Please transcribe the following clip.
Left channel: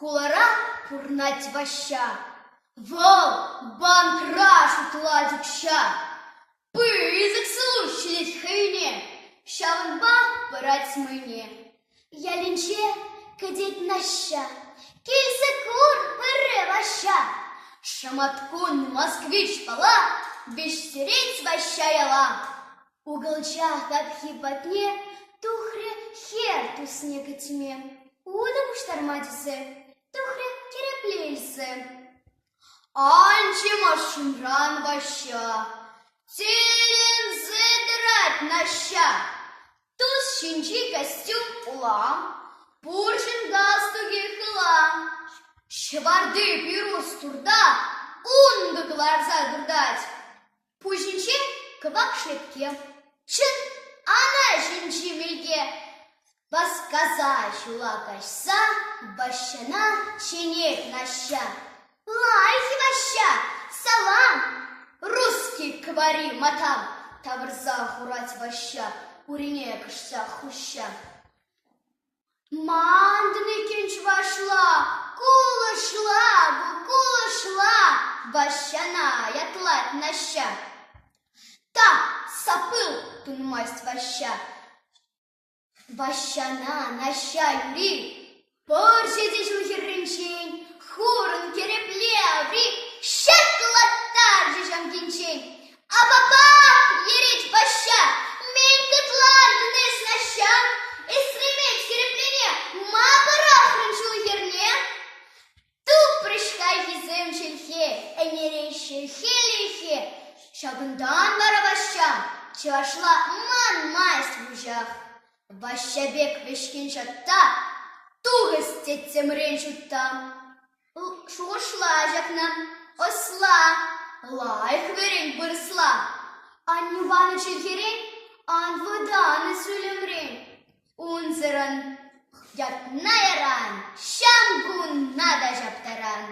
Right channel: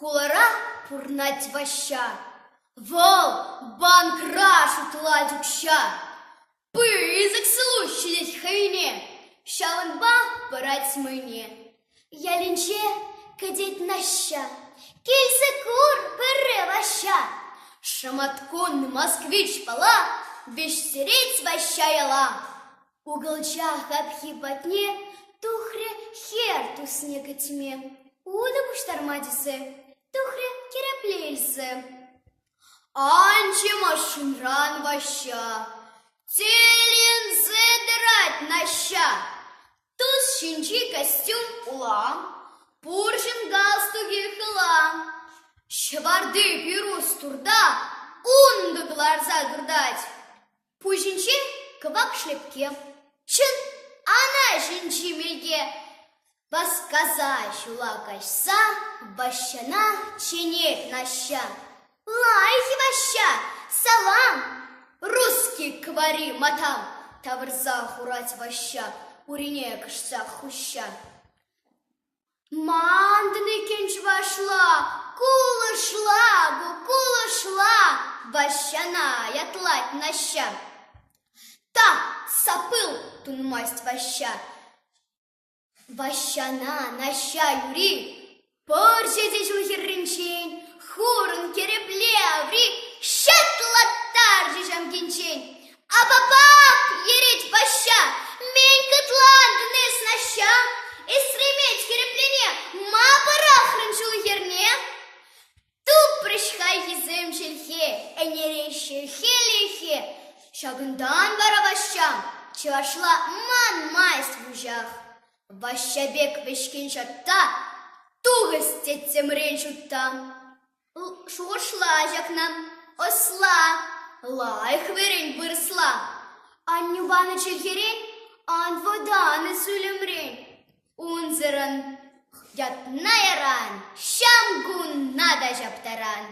Хулара пурнать ваща, вол банкраш утладь укща, пызык слущились хайне, щалынба пырать смыне. Я линче кадит наща, кельса кур пыры ваща, шаматкун москвич пала, беш сереть ваща яла. Уголчах обхипотне, тухре хер тусне тьме, удам штарматисе, тухре кереплельсе. Анчима шумран ваща, телен задрать наща, туз щенчий костюм ула, пуршин галстуги хыла, шварды пирус турда, унду глаза гурдать, пужинчи квак шлепке, чын ана щенчи мельке, посказать лакашса, бащана ченек наща. Лайки ваща, салам, русский квари матам, таврза хурать ваща, урине кышса хуща. Мандны кенч вашла, кула шла, ващана ятлать наща. Та сапыл тунмасть ваща, ващана наща юри, порсетич ухерринчень, хурын кереплеври, щатлаттар жешам кинчень, а бабак ереть ваща, мень кытлан днес наща, и стреметь кереплене, ма парахрын чулхерне, туп прышхай хизем шельхе, энереще хелихе, шагындан бара ваща, чашла ман майст в ужах, ваща бек вешкин шатта, тугость тетем ренчутта. Шушла жакнан, осла, лайх верень бырсла, ан нюбаны чельхерень, ан воданы сулемрень, унзеран, ятна яран, шамгун нада жаптаран.